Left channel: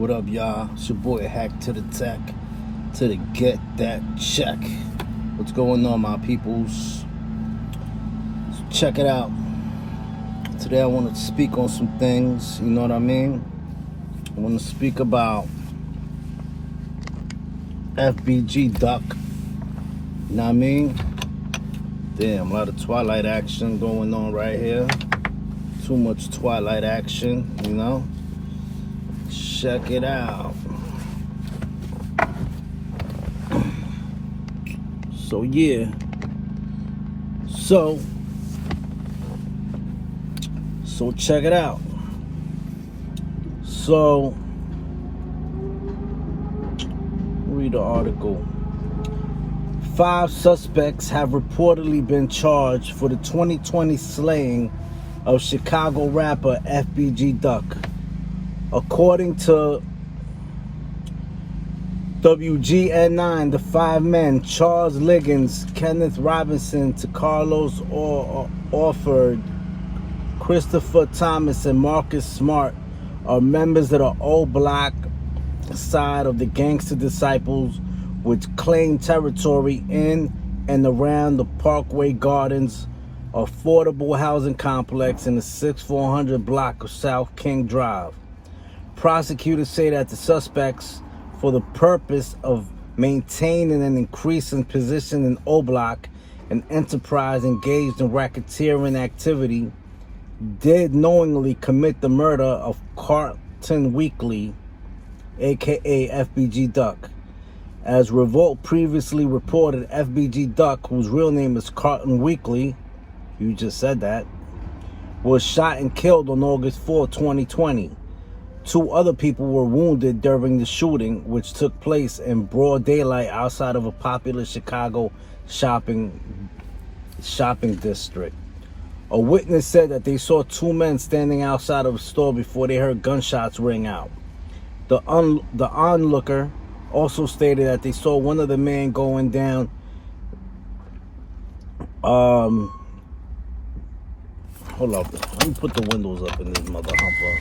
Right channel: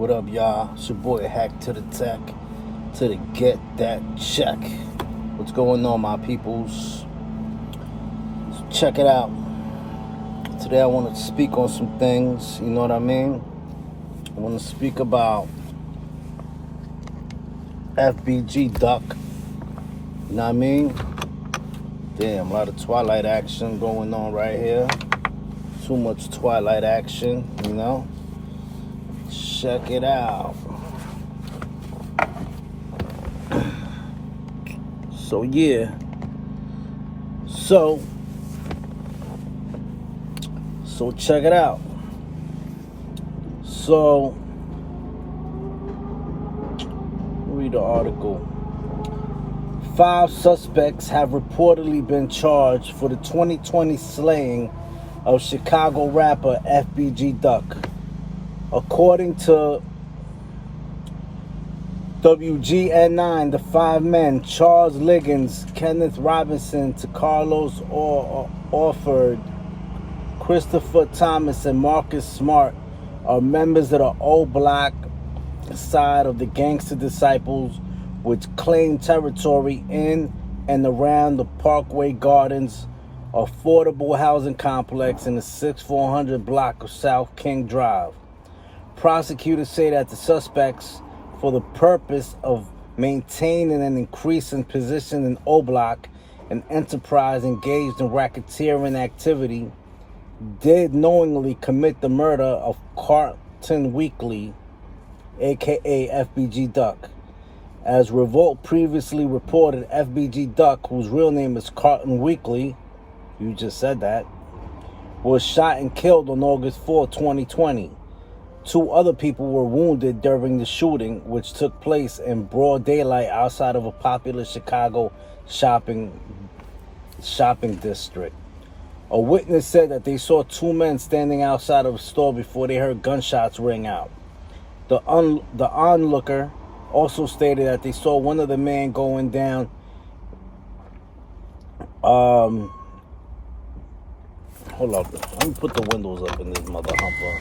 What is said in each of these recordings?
What up, y'all? It's your boy Hack to the Tech to the Get That Check. What's going on, my peoples? So check it out. Today I want to speak on some things, you know what I mean? I want to speak about FBG Duck, you know what I mean? Damn, a lot of Twilight action going on right here. Too much Twilight action, you know? Check it out. So yeah. So check it out. So read the article. 5 suspects have reportedly been charged for the 2020 slaying of Chicago rapper FBG Duck. According to WGN9, the 5 men, Charles Liggins, Kenneth Robinson, Carlos Orford, Christopher Thomas, and Marcus Smart, are members of the old block side of the Gangster Disciples, which claim territory in and around the Parkway Gardens affordable housing complex in the 6400 block of South King Drive. Prosecutors say that the suspects, for the purpose of maintaining and increasing position in O Block, an enterprise engaged in racketeering activity, did knowingly commit the murder of Carlton Weekly, aka FBG Duck. As Revolt previously reported, FBG Duck, whose real name is Carlton Weekly, you just said that, was shot and killed on August 4, 2020. 2 other people were wounded during the shooting, which took place in broad daylight outside of a popular Chicago shopping district. A witness said that they saw 2 men standing outside of a store before they heard gunshots ring out. The onlooker also stated that they saw one of the men going down hold up, let me put the windows up in this mother humper.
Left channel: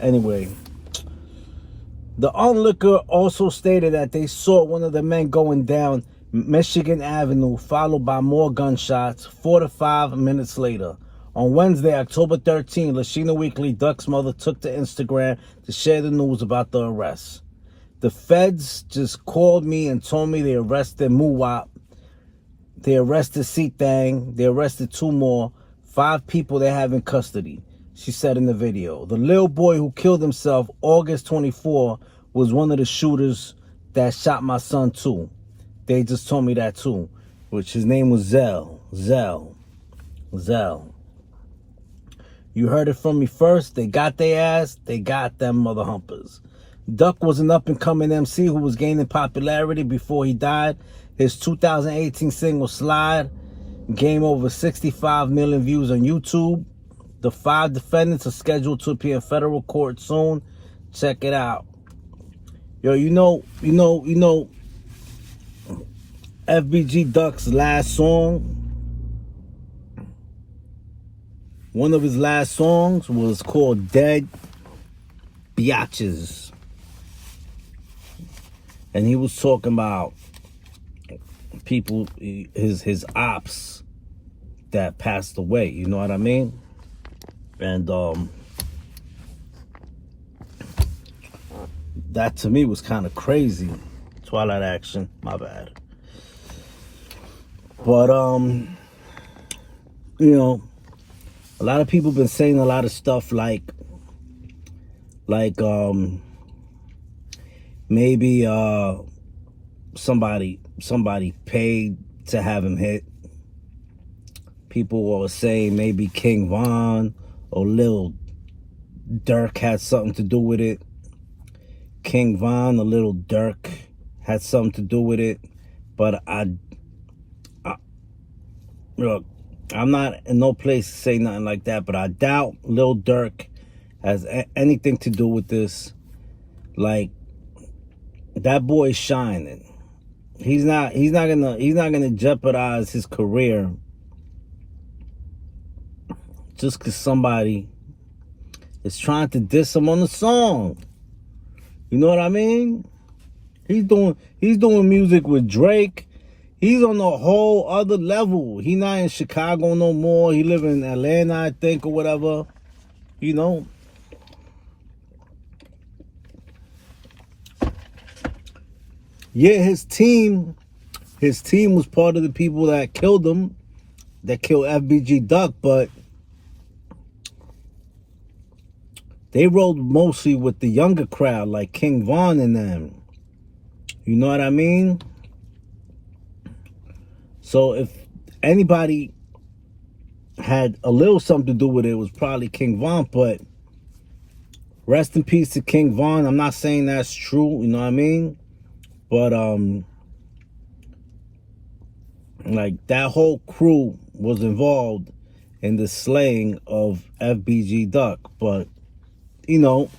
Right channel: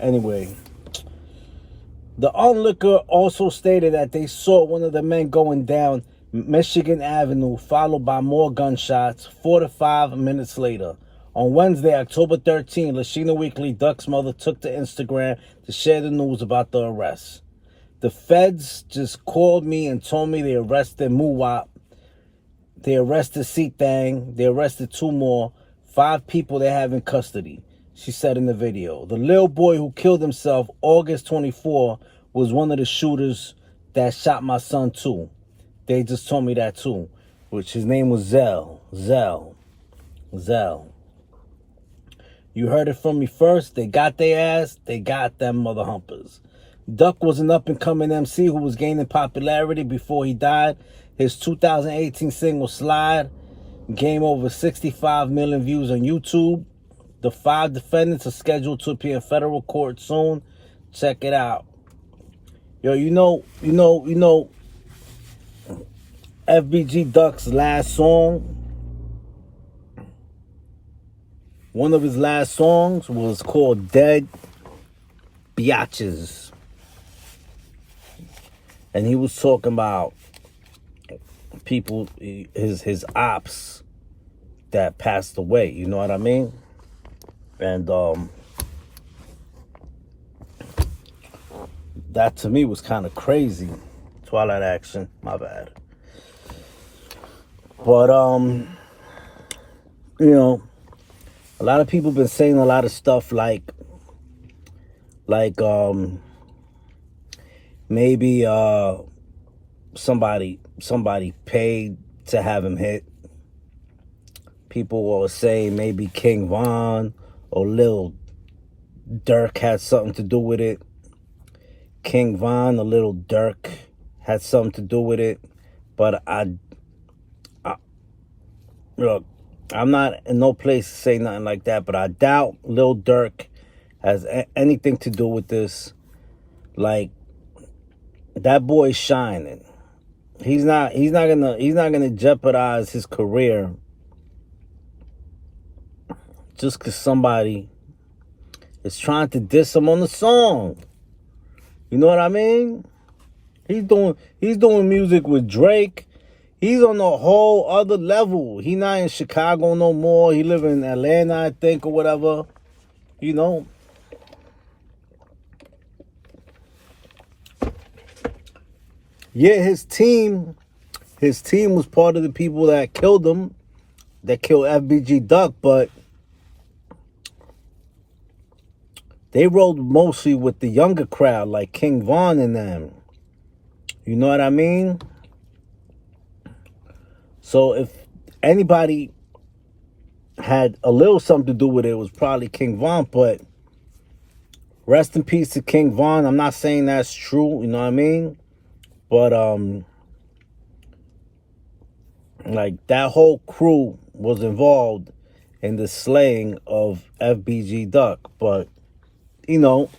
Anyway, the onlooker also stated that they saw one of the men going down Michigan Avenue, followed by more gunshots 4 to 5 minutes later. On Wednesday, October 13, Lashina Weekly, Duck's mother, took to Instagram to share the news about the arrest. The feds just called me and told me they arrested Muwap. They arrested C-Thang. They arrested 2 more. 5 people they have in custody, she said in the video. The little boy who killed himself August 24 was one of the shooters that shot my son too. They just told me that too, which his name was Zell. You heard it from me first. They got their ass. They got them mother humpers. Duck was an up-and-coming MC who was gaining popularity before he died. His 2018 single Slide gained over 65 million views on YouTube. The 5 defendants are scheduled to appear in federal court soon. Check it out. Yo, you know, FBG Duck's last song, one of his last songs was called Dead Biatches. And he was talking about people, his ops that passed away, you know what I mean? And that to me was kind of crazy. Twilight action, my bad. But you know, a lot of people been saying a lot of stuff like maybe somebody paid to have him hit. People were saying maybe King Von or Lil Durk had something to do with it. King Von or Lil Durk had something to do with it. But look, I'm not in no place to say nothing like that, but I doubt Lil Durk has anything to do with this. Like, that boy's shining. He's not gonna jeopardize his career just because somebody is trying to diss him on the song. You know what I mean? He's doing music with Drake. He's on a whole other level. He not in Chicago no more. He live in Atlanta, I think, or whatever. You know. Yeah, his team was part of the people that killed him, that killed FBG Duck, but they rode mostly with the younger crowd, like King Von and them. You know what I mean? So if anybody had a little something to do with it, it was probably King Von, but rest in peace to King Von. I'm not saying that's true, you know what I mean? But like that whole crew was involved in the slaying of FBG Duck. But you know,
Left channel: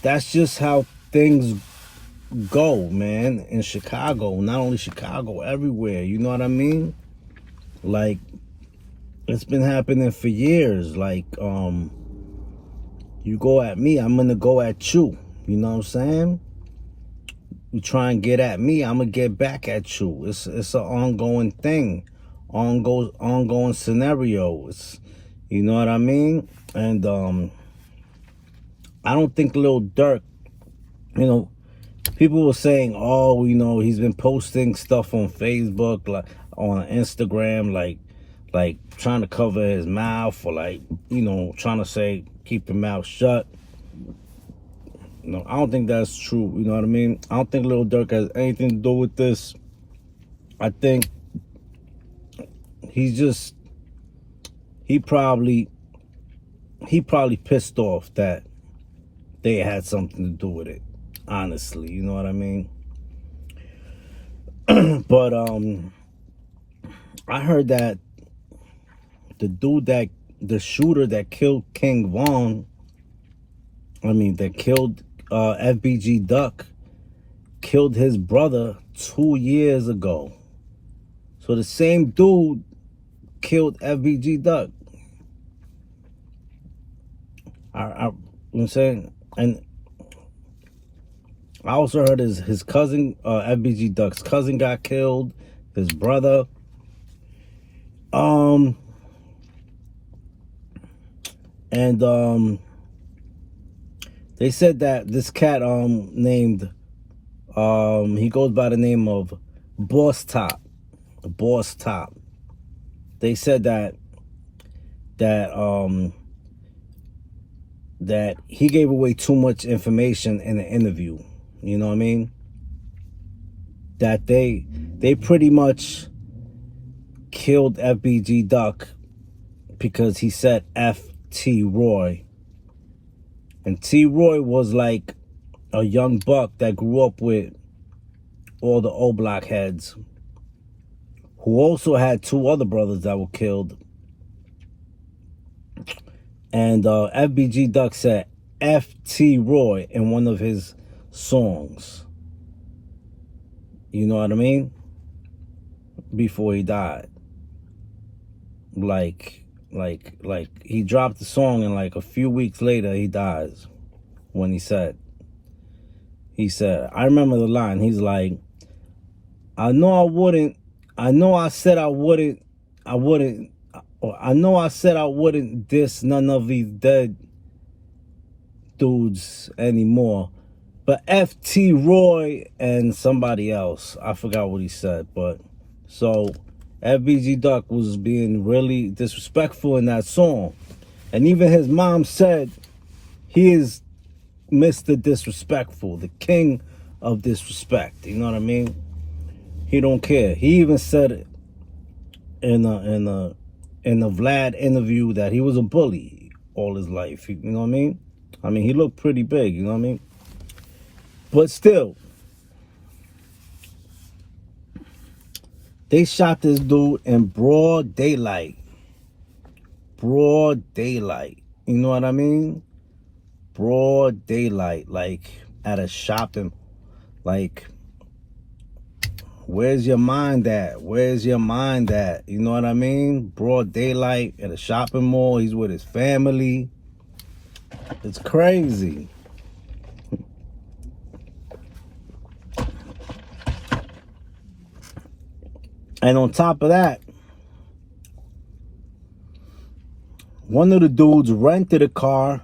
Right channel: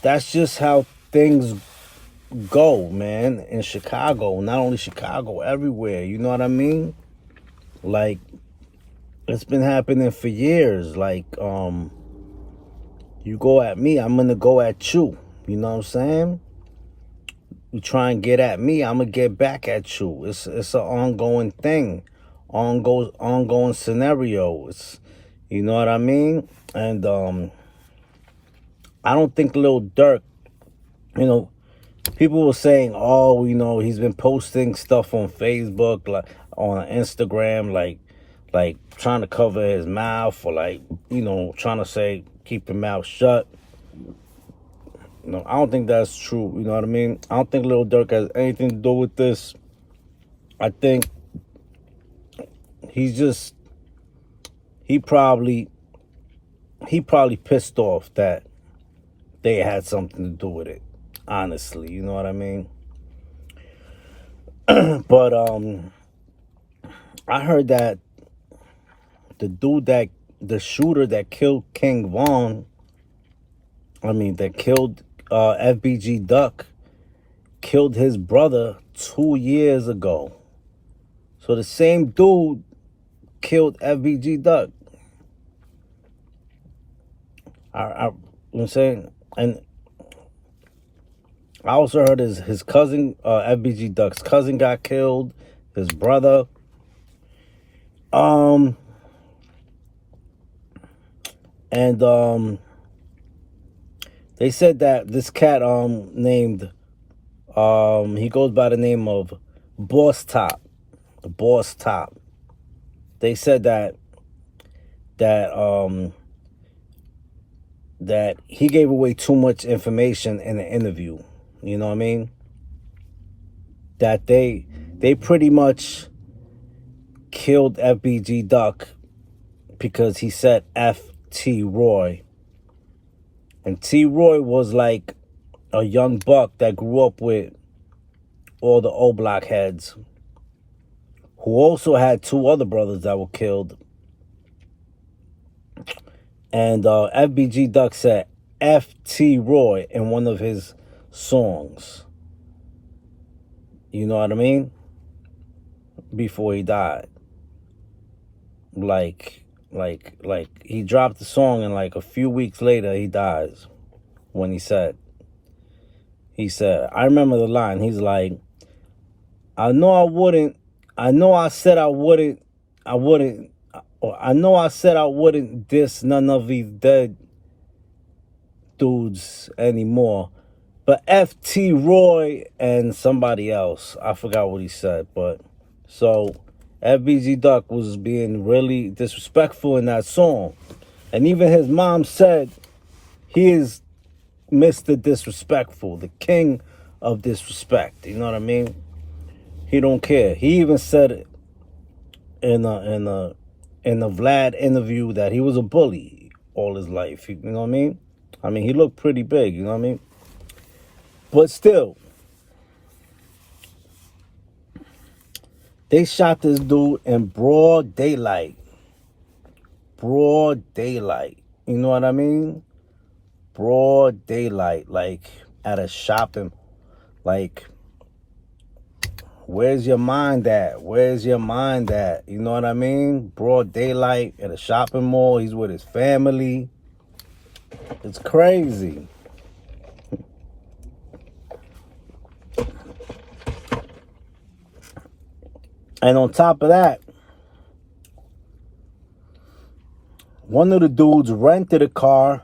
that's just how things go, man, in Chicago. Not only Chicago, everywhere. You know what I mean? Like, it's been happening for years. Like, you go at me, I'm gonna go at you. You know what I'm saying? You try and get at me, I'm gonna get back at you. It's an ongoing thing, ongoing scenario. It's, you know what I mean? And I don't think Lil Durk, you know, people were saying, oh, you know, he's been posting stuff on Facebook, like on Instagram, like trying to cover his mouth, or like, you know, trying to say keep your mouth shut. No, I don't think that's true. You know what I mean? I don't think Lil Durk has anything to do with this. I think he probably pissed off that they had something to do with it. Honestly, you know what I mean? But I heard that the shooter that killed King Von, that killed FBG Duck, killed his brother 2 years ago. So the same dude killed FBG Duck. You know what I'm saying? And I also heard his cousin, FBG Duck's cousin, got killed. His brother. They said that this cat named he goes by the name of Boss Top. They said that he gave away too much information in the interview. You know what I mean? That they pretty much killed FBG Duck because he said F T Roy. And T Roy was like a young buck that grew up with all the O Block heads, who also had 2 other brothers that were killed. And FBG Duck said F.T. Roy in one of his songs. You know what I mean? Before he died. Like he dropped the song and like a few weeks later he dies. When he said, I remember the line. He's like, I know I said I wouldn't diss none of these dead dudes anymore. But F.T. Roy and somebody else, I forgot what he said. But so FBG Duck was being really disrespectful in that song. And even his mom said he is Mr. Disrespectful, the king of disrespect. You know what I mean? He don't care. He even said it in a Vlad interview that he was a bully all his life. You know what I mean? He looked pretty big, you know what I mean? But still, they shot this dude in broad daylight. Broad daylight. You know what I mean? Broad daylight, like at a shopping, like Where's your mind at? Where's your mind at? You know what I mean? Broad daylight at a shopping mall. He's with his family. It's crazy. And on top of that, one of the dudes rented a car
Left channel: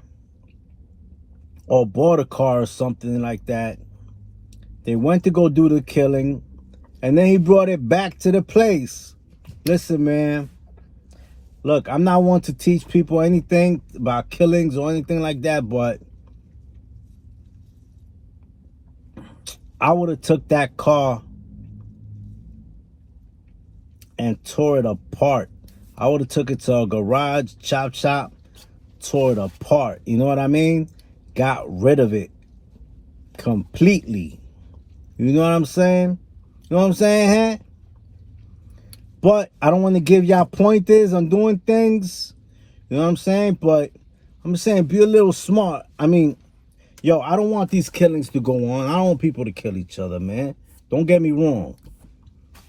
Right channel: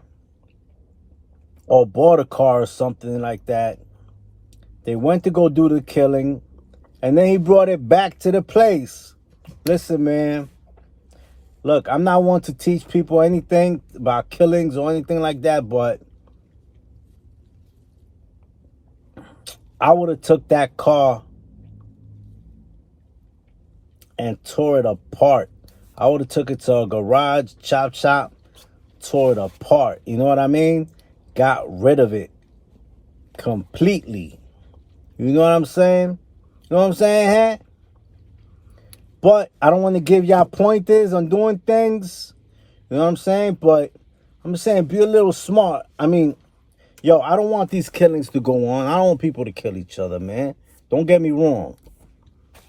or bought a car or something like that. They went to go do the killing, and then he brought it back to the place. Listen, man. Look, I'm not one to teach people anything about killings or anything like that, but I would have took that car and tore it apart. I would have took it to a garage, chop, tore it apart. You know what I mean? Got rid of it completely. You know what I'm saying? You know what I'm saying, huh? But I don't want to give y'all pointers on doing things. You know what I'm saying? But I'm just saying, be a little smart. I mean, yo, I don't want these killings to go on. I don't want people to kill each other, man. Don't get me wrong.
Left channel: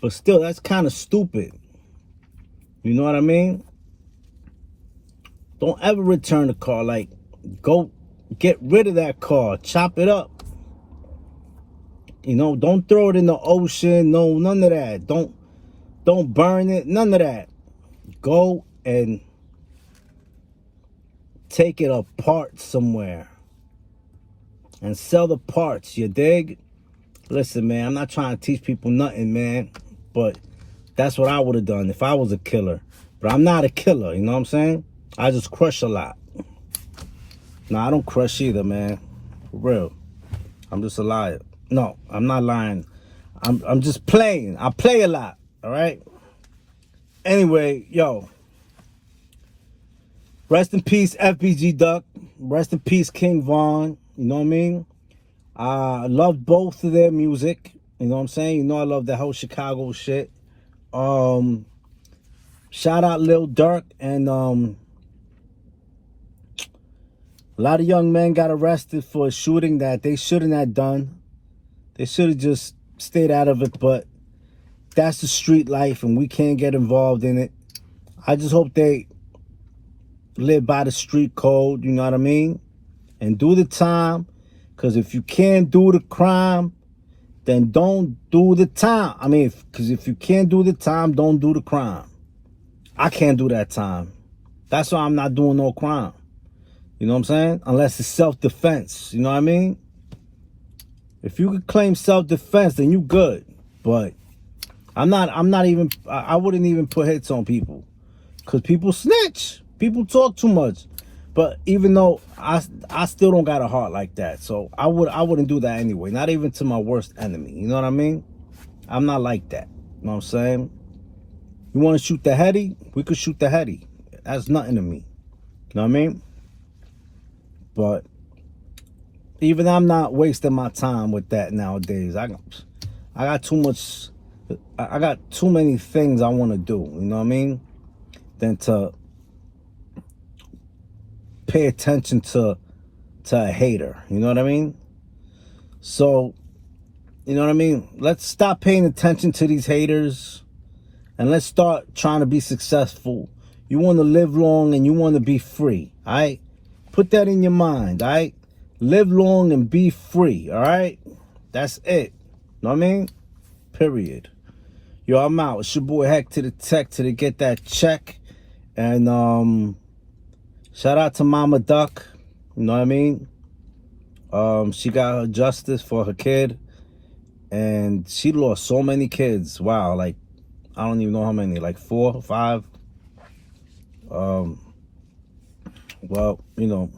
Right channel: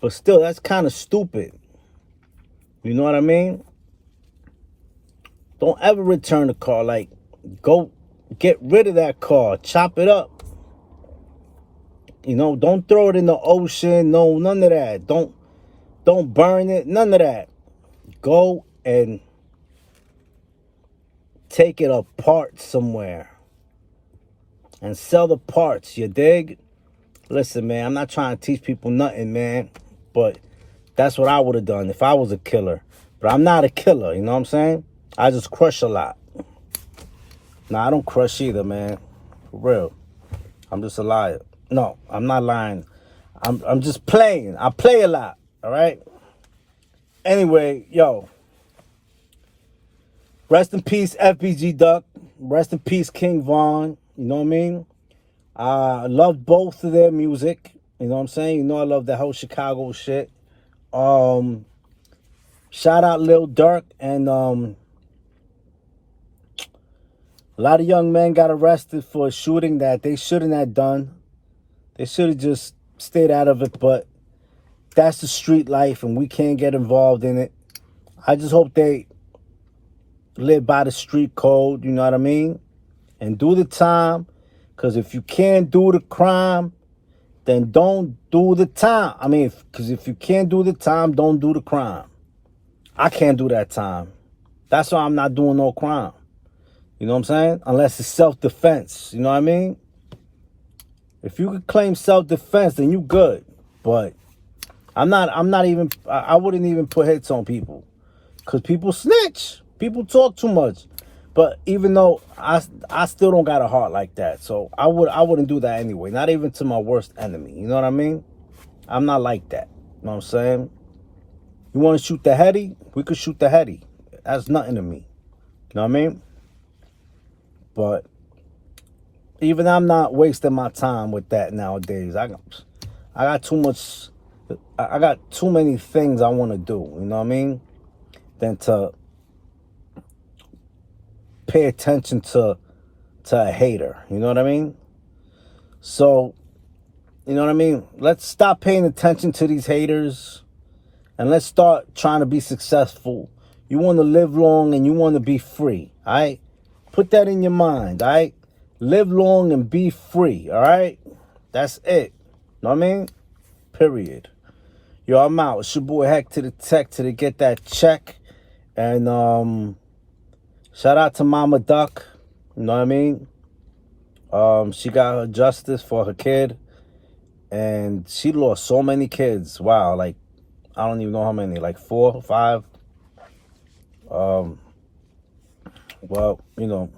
But still, that's kind of stupid. You know what I mean? Don't ever return the car. Like, go get rid of that car. Chop it up. You know, don't throw it in the ocean. No, none of that. Don't burn it. None of that. Go and take it apart somewhere and sell the parts. You dig? Listen, man, I'm not trying to teach people nothing, man. But that's what I would have done if I was a killer. But I'm not a killer, you know what I'm saying? I just crush a lot. Nah, I don't crush either, man. For real. I'm just a liar. No, I'm not lying. I'm just playing. I play a lot, all right? Anyway, yo. Rest in peace, FBG Duck. Rest in peace, King Von. You know what I mean? I love both of their music. You know what I'm saying? You know I love that whole Chicago shit. Shout out Lil Durk. And a lot of young men got arrested for a shooting that they shouldn't have done. They should have just stayed out of it. But that's the street life, and we can't get involved in it. I just hope they live by the street code, you know what I mean? And do the time. Because if you can't do the crime, then don't do the time. I mean, because if you can't do the time, don't do the crime. I can't do that time. That's why I'm not doing no crime. You know what I'm saying? Unless it's self-defense. You know what I mean? If you could claim self-defense, then you good. But I wouldn't even put hits on people. Because people snitch. People talk too much. But even though I still don't got a heart like that. So I wouldn't do that anyway. Not even to my worst enemy. You know what I mean? I'm not like that. You know what I'm saying? You want to shoot the heady? We could shoot the heady. That's nothing to me. You know what I mean? But even I'm not wasting my time with that nowadays. I got too much. I got too many things I want to do. You know what I mean? Than to pay attention to a hater. You know what I mean? So, you know what I mean? Let's stop paying attention to these haters and let's start trying to be successful. You want to live long and you want to be free. All right? Put that in your mind. All right? Live long and be free. All right? That's it. Know what I mean? Period. Yo, I'm out. It's your boy Heck to the Tech to get that check. And shout out to Mama Duck. You know what I mean? She got her justice for her kid. And she lost so many kids. Wow, like, I don't even know how many. Like 4 or 5. Well, you know.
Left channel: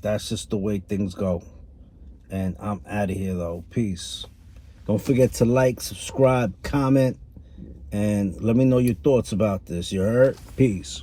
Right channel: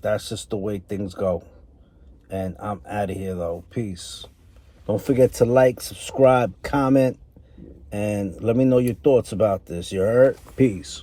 That's just the way things go. And I'm out of here, though. Peace. Don't forget to like, subscribe, comment, and let me know your thoughts about this. You heard? Peace.